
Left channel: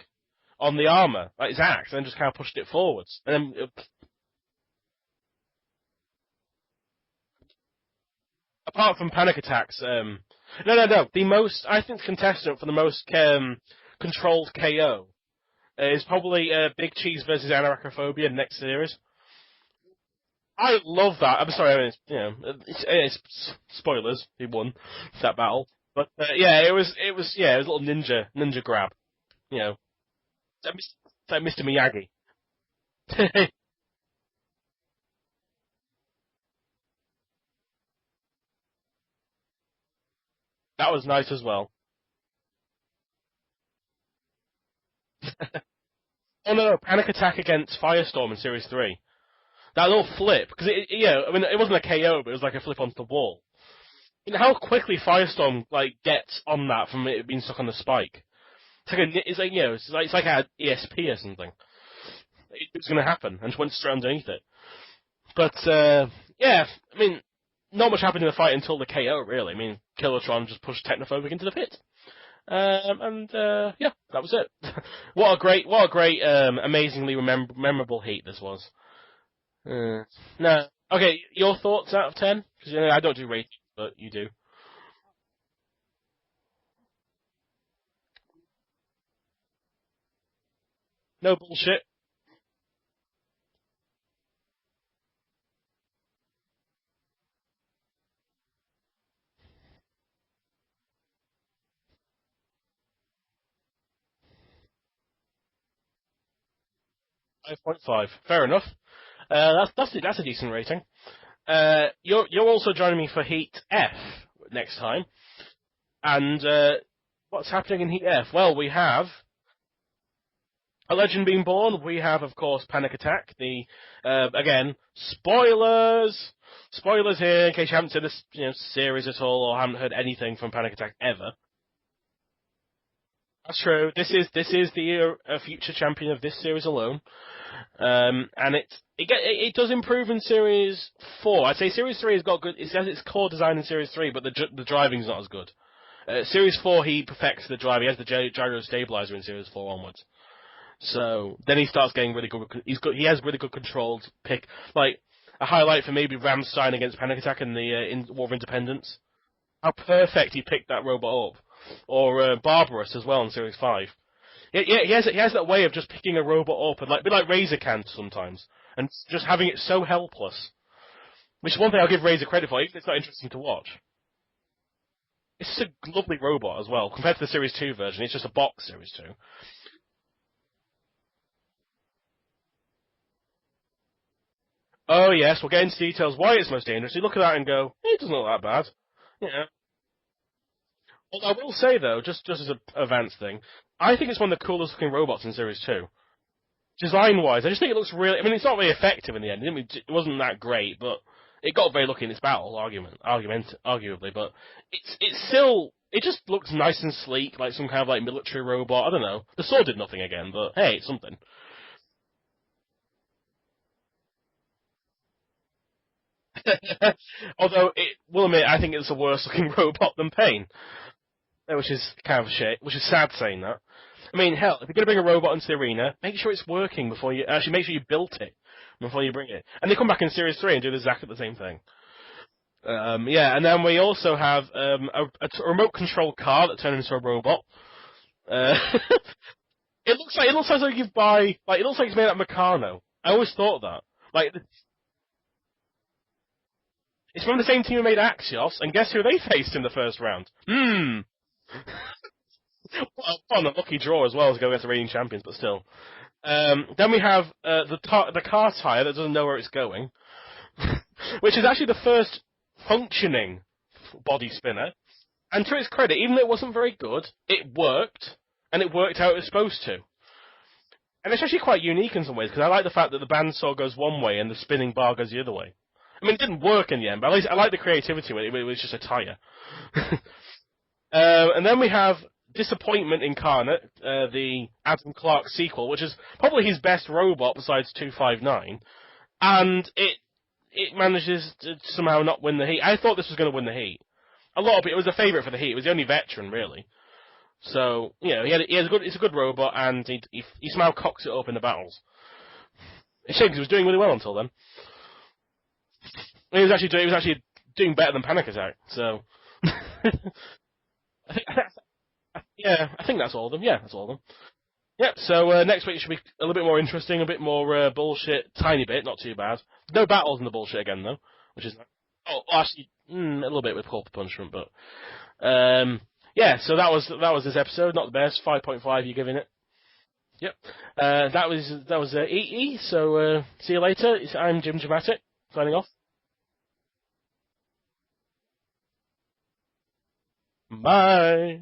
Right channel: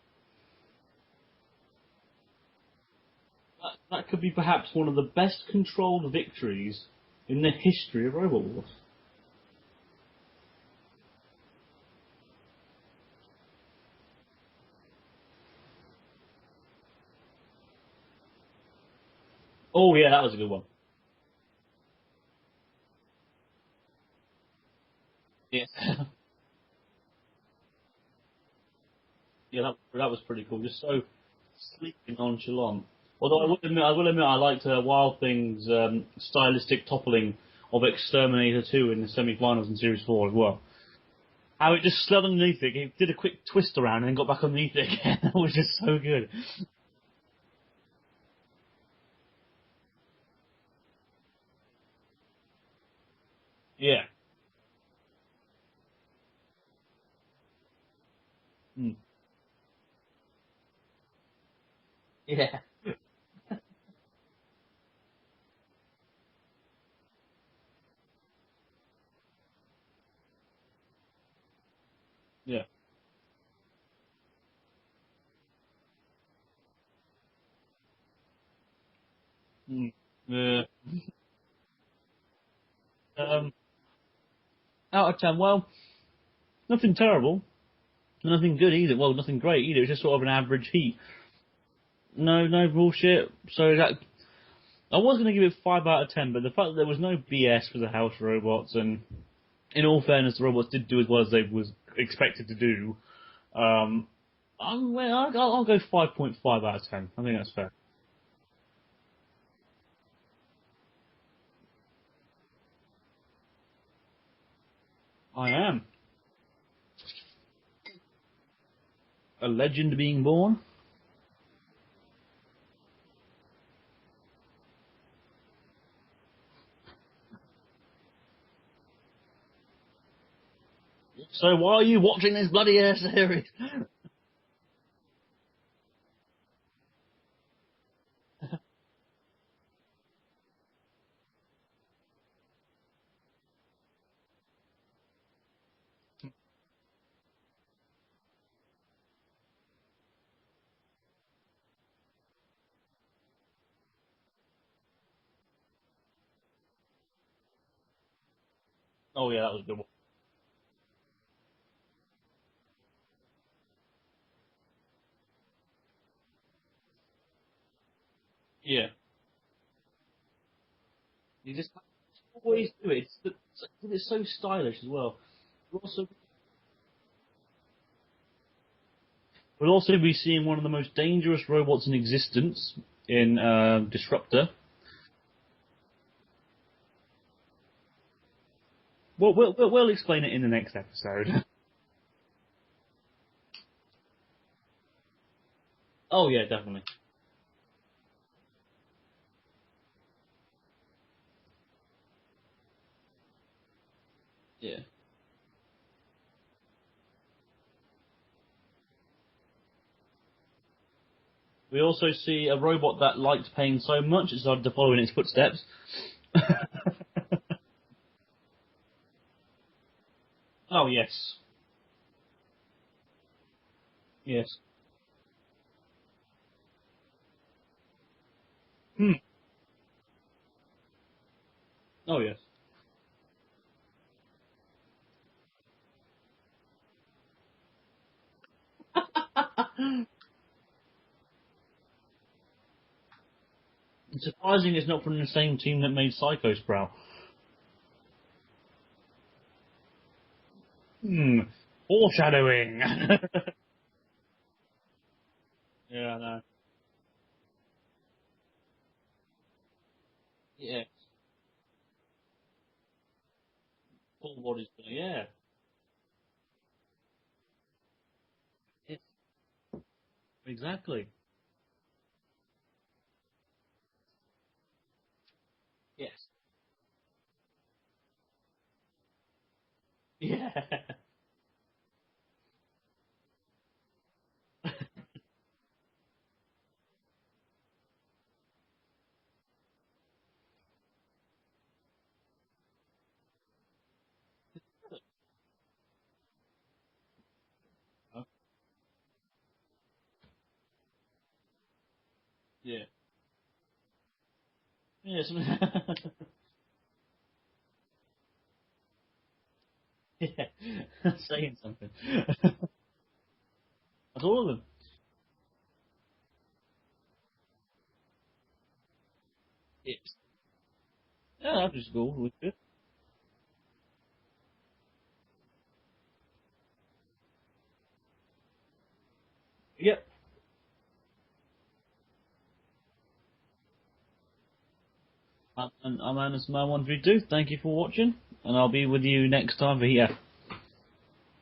on the armor, like his axe, and then just kind of pushed it forwards. And then that could be perhaps one of the best controlled victories in the history of Robot Wars. Apart from Panic Attacks, no. The most, I think, the contestant for the most controlled KO is probably Big Cheese versus Anarachnophobia next series. Oh yeah, that was a good one. I love that. I'm sorry, I mean, it's spoilers. He won that battle, but it was a little ninja grab. That was pretty cool. So like Mr. Miyagi. Nonchalant. Although I will admit, I liked Wild Thing's stylistic toppling of Exterminator 2 in the semi-finals in Series 4 as well. That was nice as well. How it just slid underneath it, he did a quick twist around and then got back underneath it again, which is so good. Oh no, Panic Attack against Firestorm in Series 3. That little flip, because it wasn't a KO, but it was like a flip onto the wall. Yeah. You know how quickly Firestorm gets on that from it being stuck on the spike. It's like an ESP or something. Yeah. It's going to happen, and just went straight underneath it. But I mean, not much happened in the fight until the KO. Really, I mean, Killatron just pushed Technophobic into the pit. Yeah. That was it. What a great, amazingly memorable heat this was. No. Okay, your thoughts out of 10? Because I don't do range, but you do. Out of 10, well, nothing terrible, nothing good either. Well, nothing great either. It's just sort of an average heat. No bullshit. No bullshit. So that I was going to give it 5 out of 10, but the fact that there was no BS for the house robots, and in all fairness, the robots did do as well as they was expected to do. I'll go 5.5 out of 10. I think that's fair. 5.5. Fair enough. That's a decent rating. You're also joining me for Heat F next time. I am. And what's happening in Heat F? Well, we have a legend being born. A legend being born. We have, of course, Panic Attack. The again, spoilers here in case you haven't seen this series at all or haven't heard anything from Panic Attack ever. So why are you watching this bloody ass series? That's true. This is the future champion of this series alone. And it does improve in Series 4. I'd say Series 3 has got good. It has its core design in Series 3, but the driving's not as good. Series 4, he perfects the drive. He has the gyro stabilizer in Series 4 onwards. So then he starts getting really good. He has really good controlled pick. Like a highlight for maybe Ramstein against Panic Attack in the in War of Independence. Oh yeah, that was how good. Perfect he picked that robot up, or Barbarous as well in Series 5. He has that way of just picking a robot up and be like Razor can sometimes, and just having it so helpless. Which is one thing I'll give Razor credit for. It's not interesting to watch. It's so stylish as well. It's a lovely robot as well compared to the Series 2 version. It's just a box Series 2. We'll also be seeing one of the most dangerous robots in existence in Disruptor. Oh yes, we'll get into details why it's most dangerous. You look at that and go, it doesn't look that bad. Well, we'll explain it in the next episode. I will say though, just as an advanced thing, I think it's one of the coolest looking robots in Series 2. Oh yeah, definitely. Design-wise, I just think it looks really. I mean, it's not really effective in the end. It wasn't that great, but it got very lucky in its battle, arguably. But it's still. It just looks nice and sleek, like some kind of military robot. I don't know. The sword did nothing again, but hey, it's something. We also see a robot that liked pain so much it started to follow in its footsteps. Although, we'll admit, I think it's a worse looking robot than Pain. Oh, yes. Which is kind of a shame, which is sad saying that. I mean, hell, if you're going to bring a robot into the arena, make sure it's working before you, actually make sure you built it before you bring it. And they come back in Series 3 and do exactly the same thing. Oh, yes. And then we also have a remote control car that turns into a robot. It looks like you buy, it looks like it's made out of Meccano. I always thought that. Surprising it's not from the same team that made Psycho Sprout. It's from the same team who made Axios, and guess who they faced in the first round? Foreshadowing. On a lucky draw as well to go against the reigning champions, but still. Yeah, then we have the car tyre that doesn't know where it's going, which is actually the first functioning body spinner. Yeah. And to its credit, even though it wasn't very good, it worked, and it worked how it was supposed to. Exactly. And it's actually quite unique in some ways, because I like the fact that the bandsaw goes one way and the spinning bar goes the other way. I mean, it didn't work in the end, but at least I like the creativity with it. It was just a tyre. Yeah. And then we have disappointment incarnate, the Adam Clark sequel, which is probably his best robot besides 259, and it manages to somehow not win the heat. I thought this was going to win the heat. A lot of it was a favourite for the heat. It was the only veteran, really. So, you know, it's a good robot, and he somehow cocks it up in the battles. Yeah. It's a shame because he was doing really well until then. Yes. He was actually doing better than Panic Attack, so... Yeah, I think that's all of them. Yeah, that's all of them. That's all of them. Yep, so next week should be a little bit more interesting, a bit more bullshit, tiny bit, not too bad. No battles in the bullshit again, though. Which is cool. actually, a little bit with corporal punishment, but... yeah, so that was this episode, not the best. 5.5 you're giving it. Yep. That was EE, so see you later. I'm Jimjamatic, signing off. And I'm Anderson Man 132. Thank you for watching, and I'll be with you next time for here. Bye!